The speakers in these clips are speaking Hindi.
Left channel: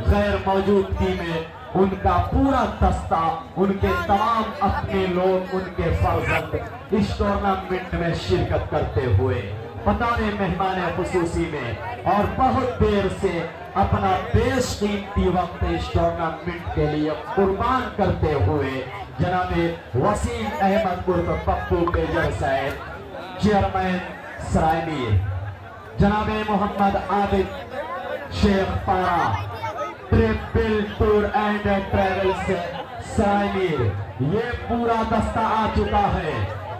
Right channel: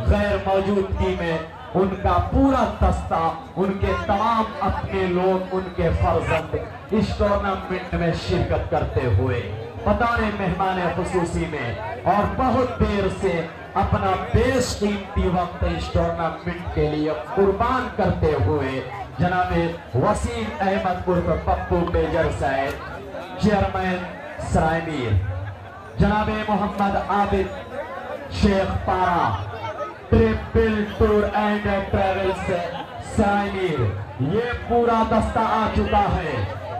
गैर मौजूदगी में उनका पूरा दस्ता, उनके तमाम अपने लोग, उनके फर्जंद इस टूर्नामेंट में शिरकत करते हुए बताने मेहमान खुसूसी में और बहुत देर से अपना बेशकीमती वक्त इस टूर्नामेंट के लिए कुर्बान करते हुए जनाबे वसीम अहमद उर्फ पप्पू मेजर साहब, चेयरमैन सरायमीर, जनाबे मोहम्मद आबिद शेख पारा, triple tour and travels Sarai Mir, ये पूरा दस्ता आ चुका है।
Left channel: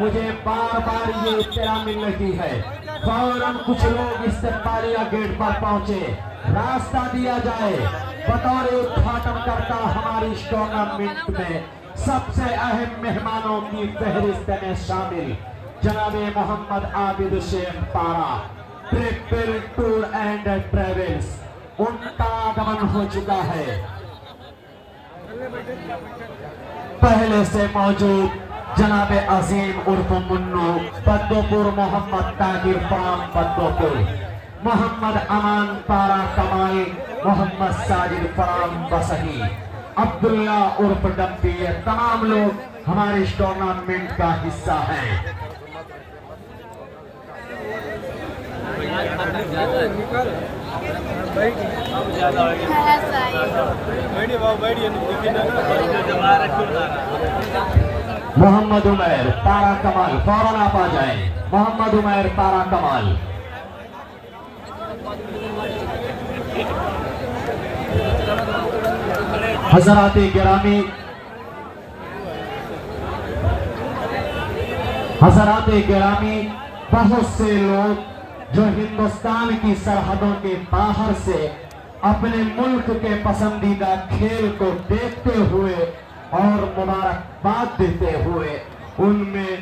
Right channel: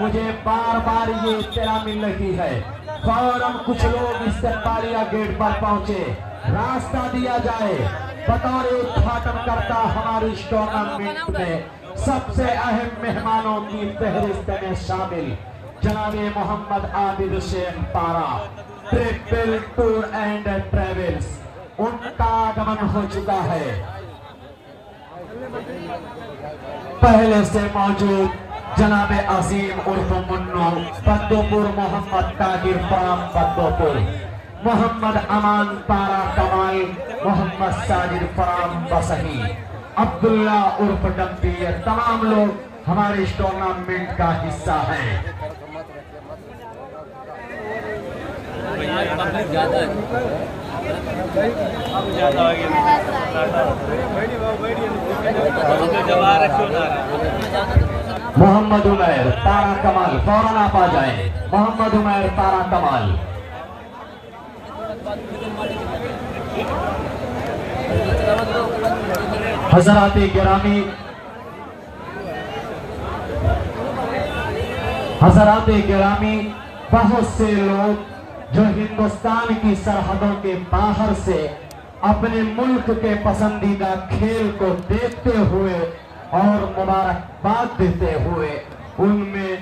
मुझे बार बार ये इत्तला मिल रही है, फौरन कुछ लोग इस्तकबालिया गेट पर पहुंचे, रास्ता दिया जाए। बतौर उद्घाटनकर्ता हमारी इस टूर्नामेंट में सबसे अहम मेहमानों की फहरिस्त में शामिल जनाबे मोहम्मद आबिद शेख पारा, ट्रिपल टूर एंड ट्रेवल्स, उनका आगमन हो चुका है। पहले से मौजूद जनाबे अजीम उर्फ मुन्नो पद्दोपुर, मोहम्मद तागिर पाम पद्दोपुर, मोहम्मद अमान पारा कमाल, मोहम्मद साजिद फराम बसही, अब्दुल्ला उर्फ डम्पी, ये तमाम लोग हमारे इस टूर्नामेंट का हिस्सा हैं। मोहम्मद उमैर तारा कमाल, फौरन आप आ जाए। मोहम्मद उमैर तारा कमाल, हजराते गिरामी, हजराते गिरामी, बहुत से लोग जो हिंदुस्तान की सरहदों के बाहर से अपने मुल्क के पसंदीदा खेल को देखते हुए और मुबारकबाद देते हुए, उनमें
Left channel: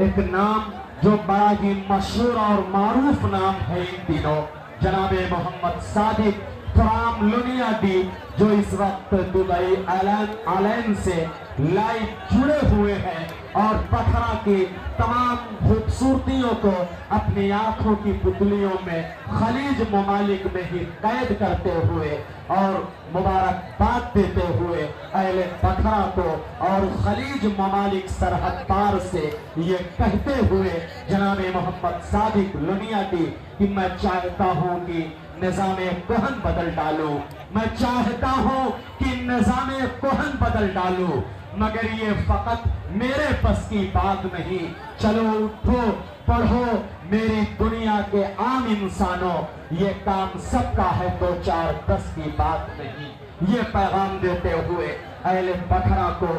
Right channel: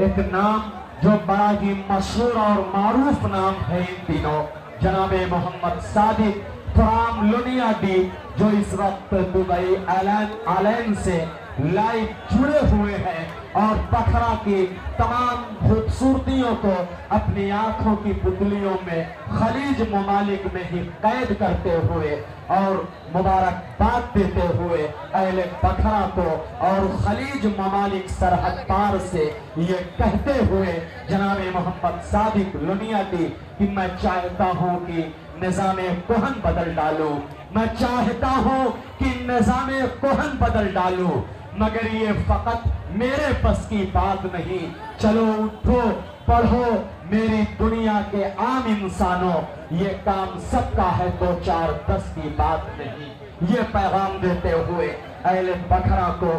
एक नाम जो बड़ा ही मशहूर और मारूफ नाम है इन दिनों, जनाबे मोहम्मद सादिक फराम लुनियादी, जो इस वक्त दुबई आइलैंड से लाइव जुड़े हुए हैं और बखरा की तमाम खूबसूरतियों को अपनी आंखों की पुतलियों में खलीज ममालिक में ही कैद करते हुए और मुबारकबाद देते हुए अहले बखरा को और खलीज ममालिक सरहद पार से ये कहते हुए जनाबे मोहम्मद सादिक लुनियादी कि मैं चाहता हूं कि निज़ामे कोहन बदल डालूं, मैं चाहता हूं कि निज़ामे कोहन बदल डालूं, मगर ये फकत मेरे बस की बात नहीं। चलो उठो पढ़ो मेरी दुनिया के आम इंसानों, ये काम सबका है, दो चार बस की बात नहीं। ये पैगाम देते हुए अहले बखरा को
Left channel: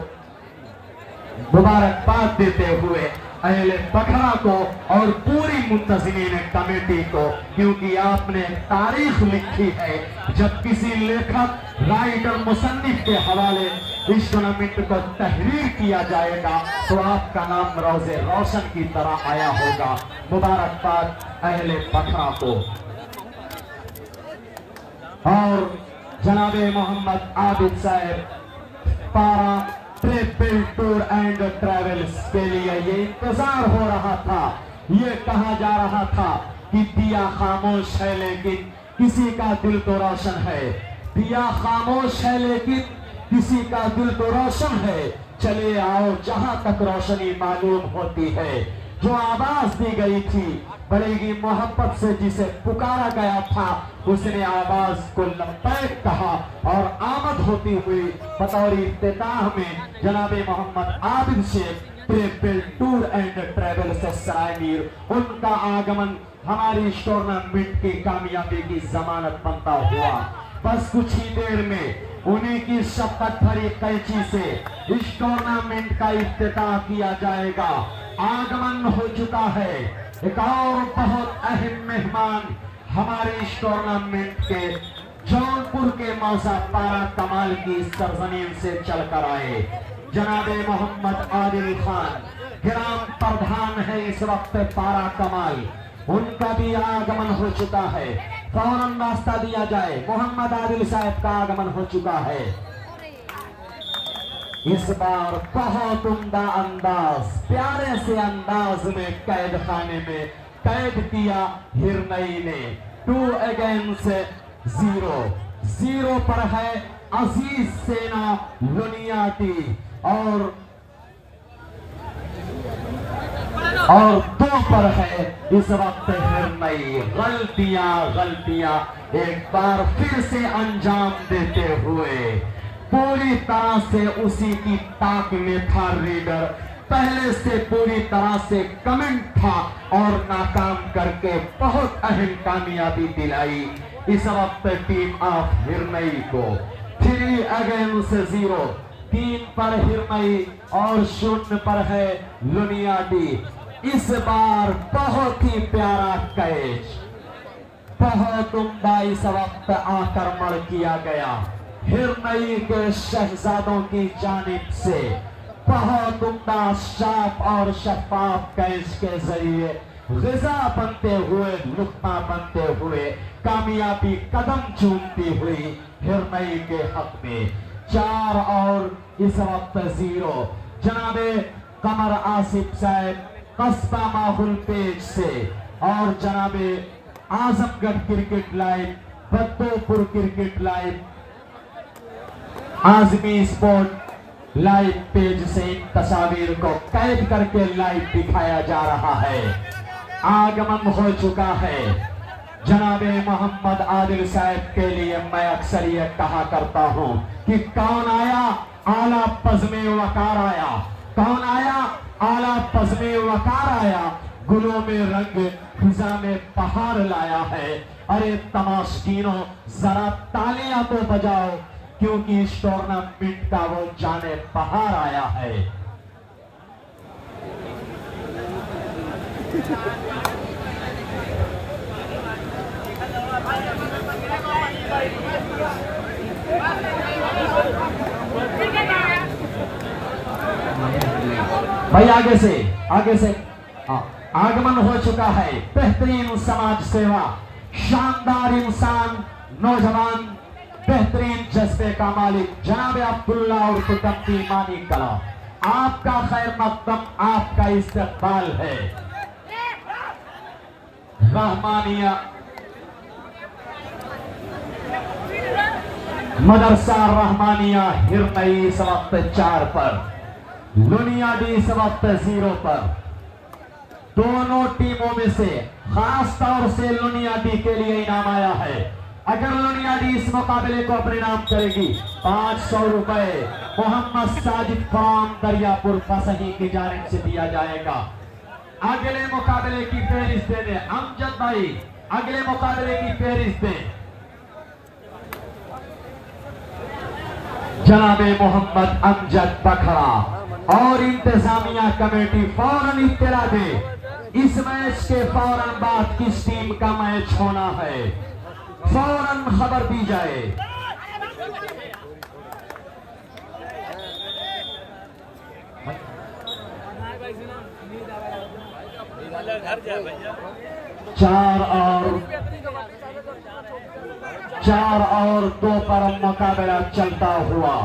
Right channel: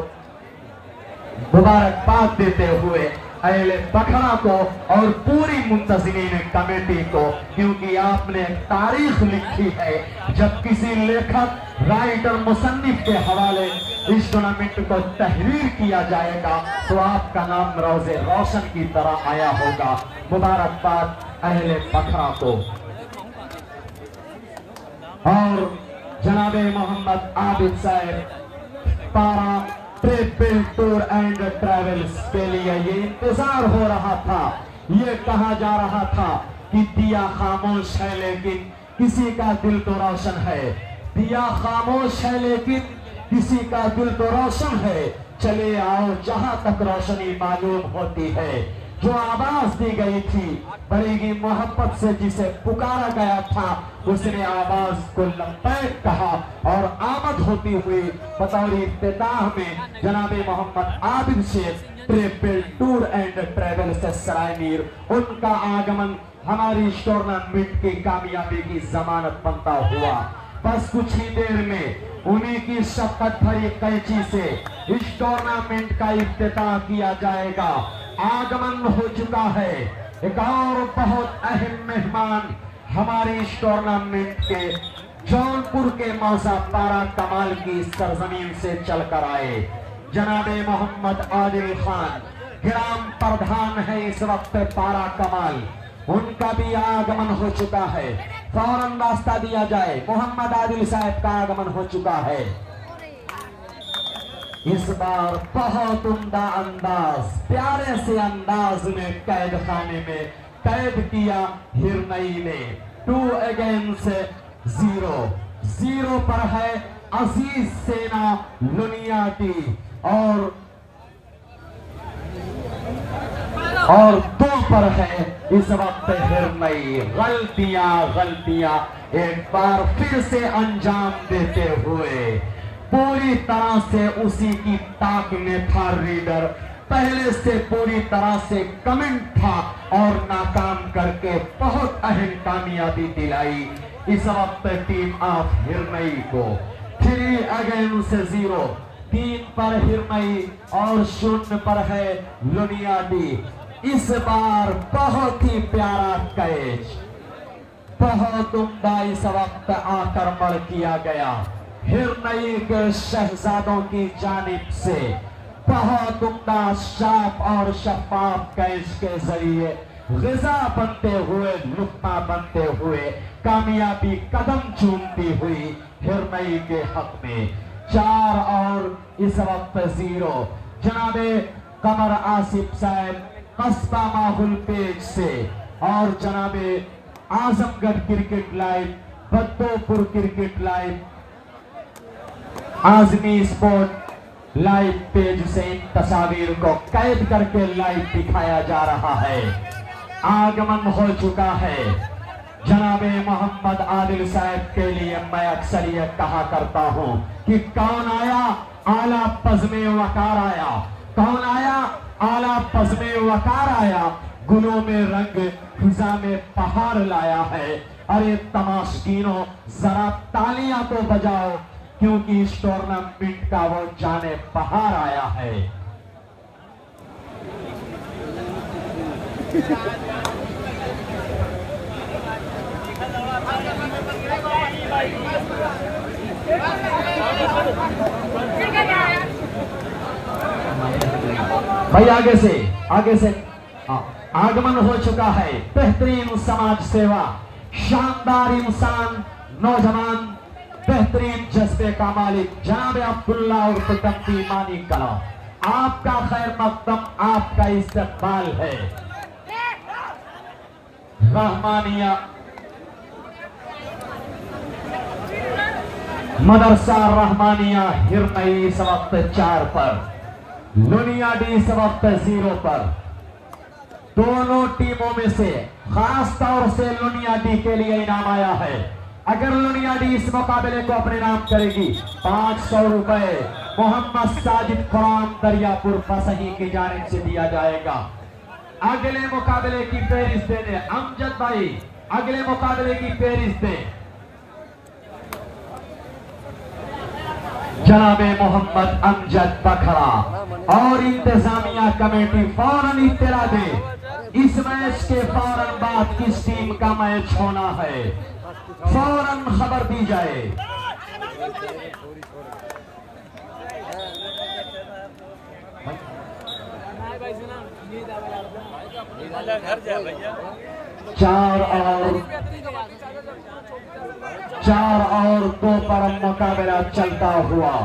मुबारकबाद देते हुए अहले बखरा को और पूरी मुंतज़मीन कमेटी को, क्योंकि आपने तारीख लिखी है, जब किसी लेखक राइटर मुसन्निफ के हवाले इस टूर्नामेंट को तहरीर किया जाएगा तो आपका नाम रोज़े रोशन की तरह आया होगा। मुबारकबाद अहले बखरा को। और जनाबे मोहम्मद आबिद साहब पारा ट्रिपल टूर एंड ट्रेवल्स के लिए ये इंतजार हो रहा था, ये कहा जा रहा था कि दिया खामोश है लेकिन किसी का दिल तो रोशन है, दिया खामोश है लेकिन किसी का दिल तो रोशन है। चले आओ जहां तक रोशनी मालूम होती है। जो आवाज दी गई थी बड़ी ही मोहब्बत से, जिसे पुकारा गया था, उसने आवाज को लब्बैक कहा और आमद होती हुई बतौर इफ्तिताह में जनाबे Mohammad Abid Shaikh triple tour and travels Saraimir, उनका आगमन हमारी इस टूर्नामेंट की कामयाबी की जमानत बनता हुआ। बस कुछ ही देर में उन्हीं की शपथ भरी कैंची से इस टूर्नामेंट का इफ्तिताह किया जाएगा। आगमन हो चुका है एक और बहुत अहम मेहमान हमारे इस टूर्नामेंट के जौनपुर के मौसा पारा कमाल की सरजमीन से चलकर आए। जनाबे मोहम्मद आदिल खान ग्राम प्रधान है इस वक्त पारा कमाल, उनका भी आगमन हो चुका है। फौरन रास्ता दिया जाए। मोहम्मद आदिल साहब का आगमन हो चुका है। इस बार बहुत उम्दा अंदाज, प्यारे से अंदाज में कैद खाने में कैद किया हिरनई ने 2 अगेंस्ट 0। 0 पर है अजीज सेना लुनियाडी और 2 पर है इस वक्त हिरमई। गलतियां एक बार फिर से अंजाम देते हुए पूरी तरह से उसी की ताक में था रीडर, पहले से पूरी तरह से कमेंट था और नाकाम करके बहुत अहम कामयाबी दिलाई इस वक्त टीम ऑफ हिरमई को। 3 अगेंस्ट 0, 3 पर हिरमई और 0 पर है लुनियाडी। इस बार बहुत ही प्यारा कैच, बहुत उम्दा इस वक्त आक्रमण किया गया हिरमई के शहजादों की जानिब से। बहुत उम्दा शार्प और शफाफ कैच के जरिए ग़िज़ा बनते हुए, लुक़मा बनते हुए कामयाबी कदम चूमती हुई हिरमई के हक में। 4 और इस वक्त 0। जनाबे कमर आसिफ साहब कस्बा माहुल पेज से और जनाबे Azamgarh cricket live, Baddopur cricket live, Azmi sport live page से इन तस्वीर को कैद करके लाइव दिखाया जा रहा है। आगमन हो चुका है जनाबे मोहम्मद आदिल साहब के लिए। मैं अक्सर ये कहा करता हूं कि कौन आया आला पज़्मे वकार आया, कौन आया आला पज़्मे वकार आया, गुलों में रंग फिजा में पहाड़ लाया है। अरे तमाशकीनों जरा तालियां तो बजाओ क्योंकि इस टूर्नामेंट का वो जाने पहाड़ आया है। भाई आगे से आगमन हो चुका है। बेहतरीन समाज सेवा, शानदार इंसान, नौजवान, बेहतरीन जज्बे का मालिक जनाब अब्दुल्ला और कुतुबी मानी का आपका खैर मकदम, आपका इस्तकबाल है। रहमानिया मदरसा रहमानिया हिरमई इस वक्त 4 पर, लुनियाडी इस वक्त 0 पर। दोनों टीमों में से खास तौर से लुनियाडी के लिए इनाम आया है। अगर लुनियाडी इस मुकाबले को अपने नाम करेगी 500 रुपए मोहम्मद साजिद फराम दरियापुर बसही की जानिब से दिया जाएगा। अगले मुकाबले की फेरिस्त देने अमजद भाई, अगले मुकाबले की फेरिस्त दें जनाबे मोहम्मद अमजद बखरा और इंतजामिया कमेटी फौरन इत्तला दे इस मैच के फौरन बाद किस टीम का मैच होना है, फौरन खबर दी जाए। चार और 2 पर मुकाबला चलता हुआ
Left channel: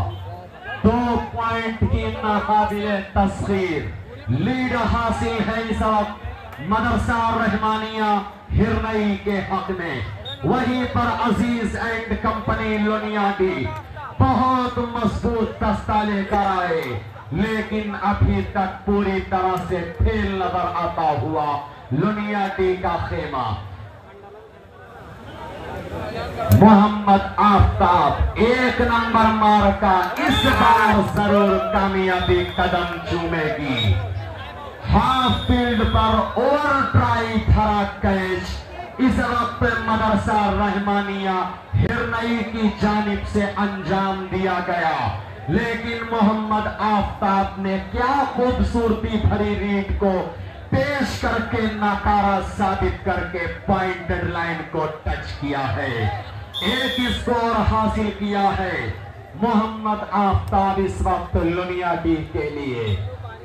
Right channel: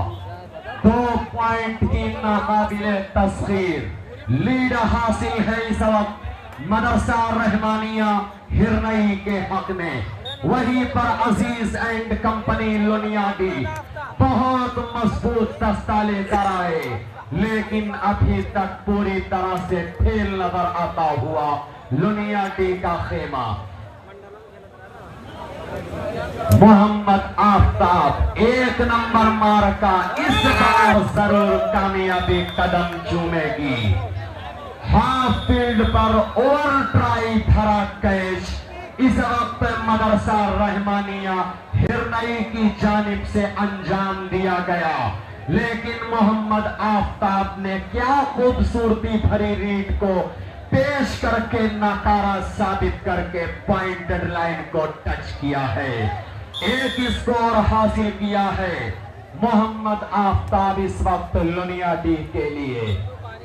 2 पॉइंट की नाकाबिले तस्खीर लीड हासिल है इस वक्त मदरसा रहमानिया हिरमई के हक में। वहीं पर अजीज एंड कंपनी लुनियाडी बहुत मजबूत दस्ता लेकर आए, लेकिन अभी तक पूरी तरह से फेल नजर आता हुआ लुनियाडी का खेमा। मोहम्मद आफ्ताब 1 नंबर मार्का इस बार जरूर कामयाबी कदम चूमेगी। हाफ फील्ड पर ओवर ट्राई था कैच इस वक्त मदरसा रहमानिया हिरमई की जानिब से अंजाम दिया गया, लेकिन मोहम्मद आफ्ताब ने क्या खूबसूरती भरी रीड को पेश करके नकारा साबित करके पॉइंटेड लाइन को टच किया है। 1 स्कोर हासिल किया है मोहम्मद आफ्ताब इस वक्त लुनियाडी के लिए।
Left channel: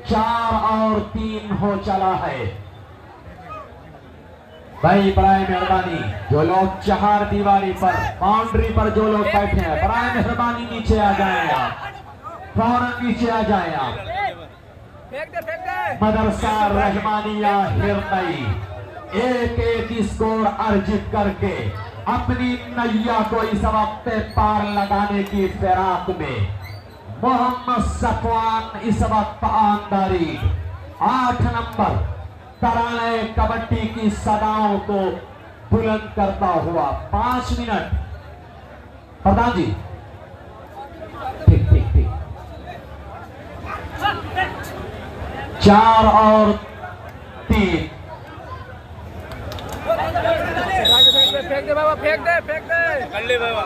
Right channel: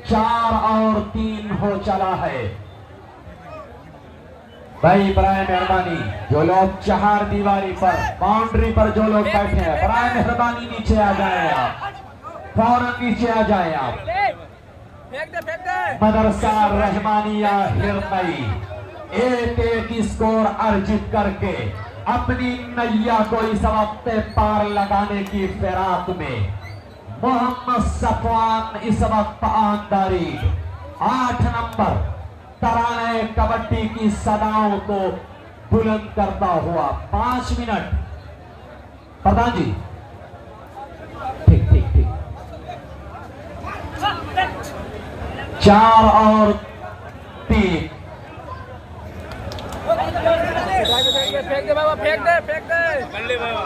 4 और 3 हो चला है। भाई बराए मेहरबानी जो लोग 4 दीवारी पर बाउंड्री पर जो लोग बैठे हैं, बराए मेहरबानी नीचे आ जाए आप, फौरन नीचे आ जाए आप। फेंक दे। मदरसा रहमानिया हिरमई 1-1 स्कोर अर्जित करके अपनी नैया को इस वक्त पार लगाने की फिराक में मोहम्मद सफवान इस वक्त आंदारी 8 नंबर तराने कबड्डी की सदाओं को बुलंद करता हुआ 5 मिनट। प्रधान जी ठीक ठीक ठीक 4 और 3। फेंक दे बाबा, फेंक दे, फेंक दे, कर ले बाबा।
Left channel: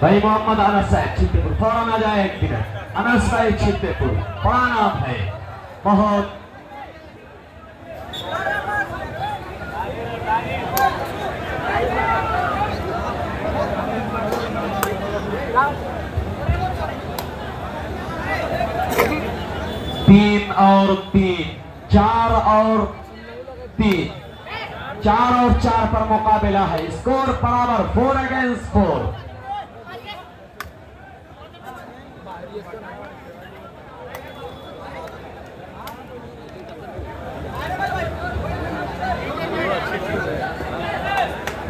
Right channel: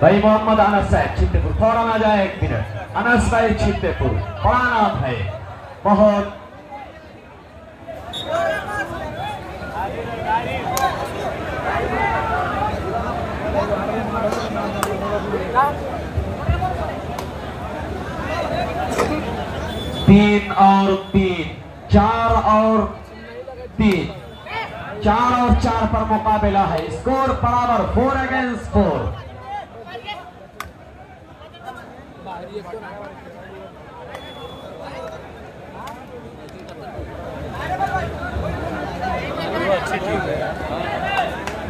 भाई मोहम्मद अनस साहब छितेपुर, थोड़ा ना जाए 1 मिनट। अनस भाई छितेपुर बड़ा नाम है बहुत। तीन और 3, 4 और 3, 4 और 4 पर मुकाबला है। स्कोर बराबर 4 अगेंस्ट 4।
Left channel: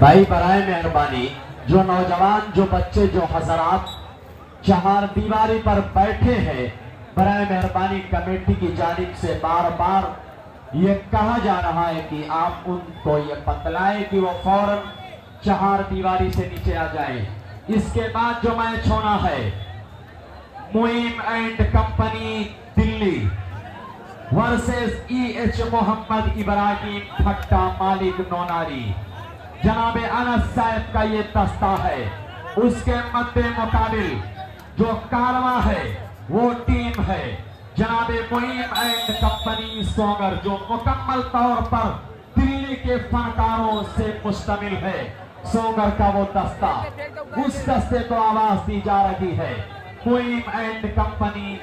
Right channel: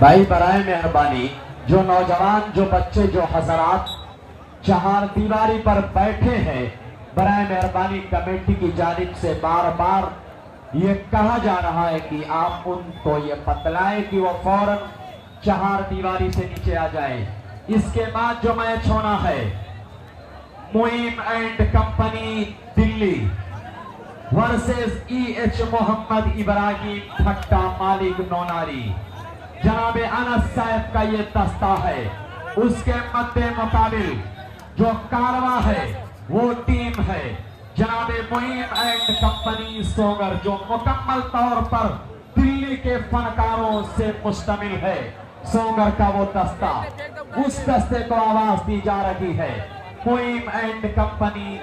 भाई बराए मेहरबानी जो नौजवान, जो बच्चे, जो हजरात चार दीवारी पर बैठे हैं, बराए मेहरबानी कमेटी की जानिब से बार बार ये कहा जा रहा है कि आप उनको ये बतलाएं कि वो फौरन चार दीवारी से नीचे आ जाए। इसके बाद जो मैच होना है Muim and company Delhi versus EH Mohammad Ibrahim Thatta मालिक नौनारी। जनाबे अनस साहब का ये दस्ता है। उसके मद्दे मुकाबिल जो कारवा है वो टीम है जनाबे मुइम एंड कंपनी सोगर, जो मुकम्मल तौर पर दिल्ली के फनकारों से मुश्तमिल है। सोगर का वो दस्ता, उस दस्ते को आवाज दी जा रही है मुइम एंड कंपनी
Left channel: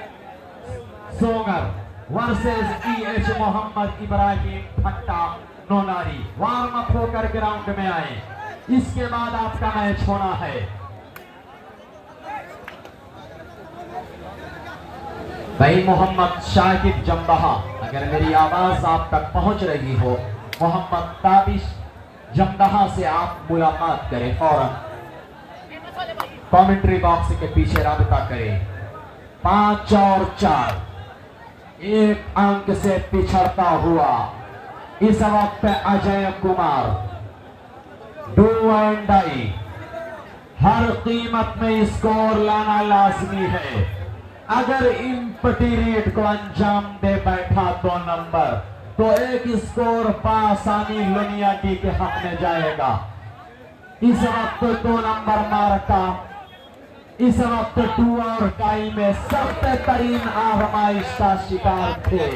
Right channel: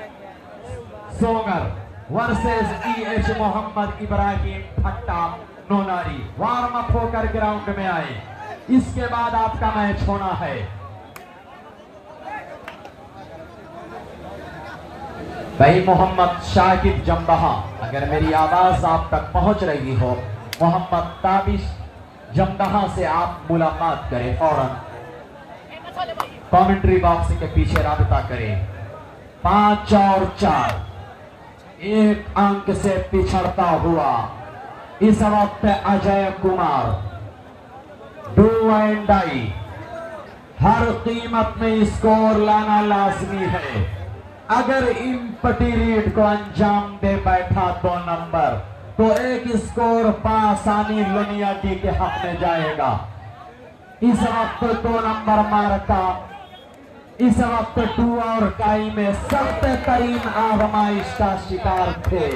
सोगर वर्सेस EH मोहम्मद इब्राहिम ठट्टा नौनारी। वार्म अप होकर ग्राउंड में आए, इसके बाद आपका मैच होना है। भाई मोहम्मद शाकिब जंबहा, अगर मेरी आवाज आप तक पहुंच रही हो, मोहम्मद ताबिश जंबहा से आप मुलाकात करें फौरन। कमेंट्री बॉक्स के पीछे राबिता करें। 5 और 4, 1 अंक से पिछड़ता हुआ इस वक्त Ajay Kumar. Do and die, हर कीमत में स्कोर लाना लाजमी है। अगर इन पटीरीट को अंजाम दे बैठा 2 नंबर तो एक स्कोर पासानी लुनियाटी के हक में जाएगा। इस वक्त 2 नंबर मारका इस वक्त 2 और टाई में सख्त तरीन आजमाइश का शिकार थे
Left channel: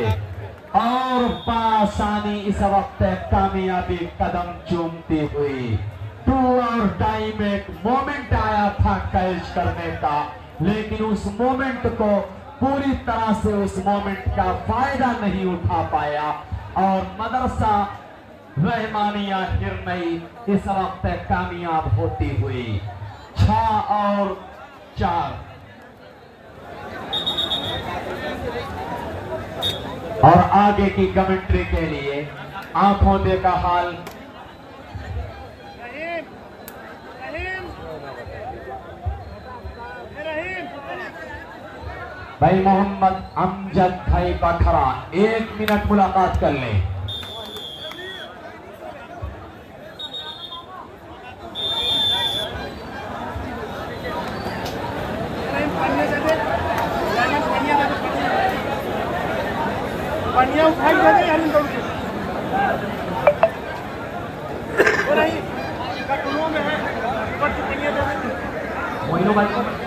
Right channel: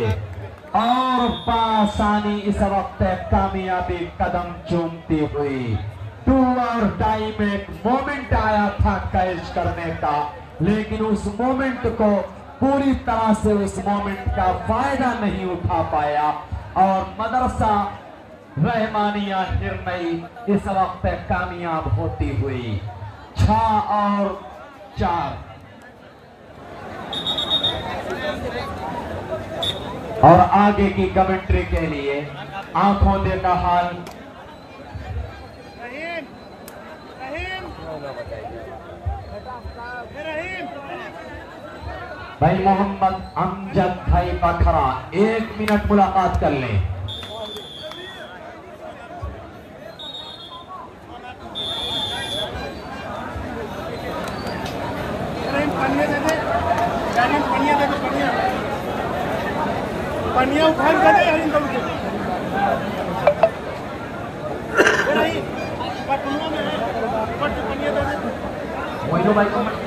और पासानी इस वक्त कामयाबी कदम चूमती हुई। 2 और टाई में एक मोमेंट आया था कैच करने का, लेकिन उस मोमेंट को पूरी तरह से उस मोमेंट का फायदा नहीं उठा पाया और मदरसा रहमानिया हिरनई इस वक्त कामयाब होती हुई। 6 और 4 और आगे की कमेंट्री के लिए आंखों देखा हाल भाई मोहम्मद अमजद भाई बखरा 1 मिनट मुलाकात कर लें। भाई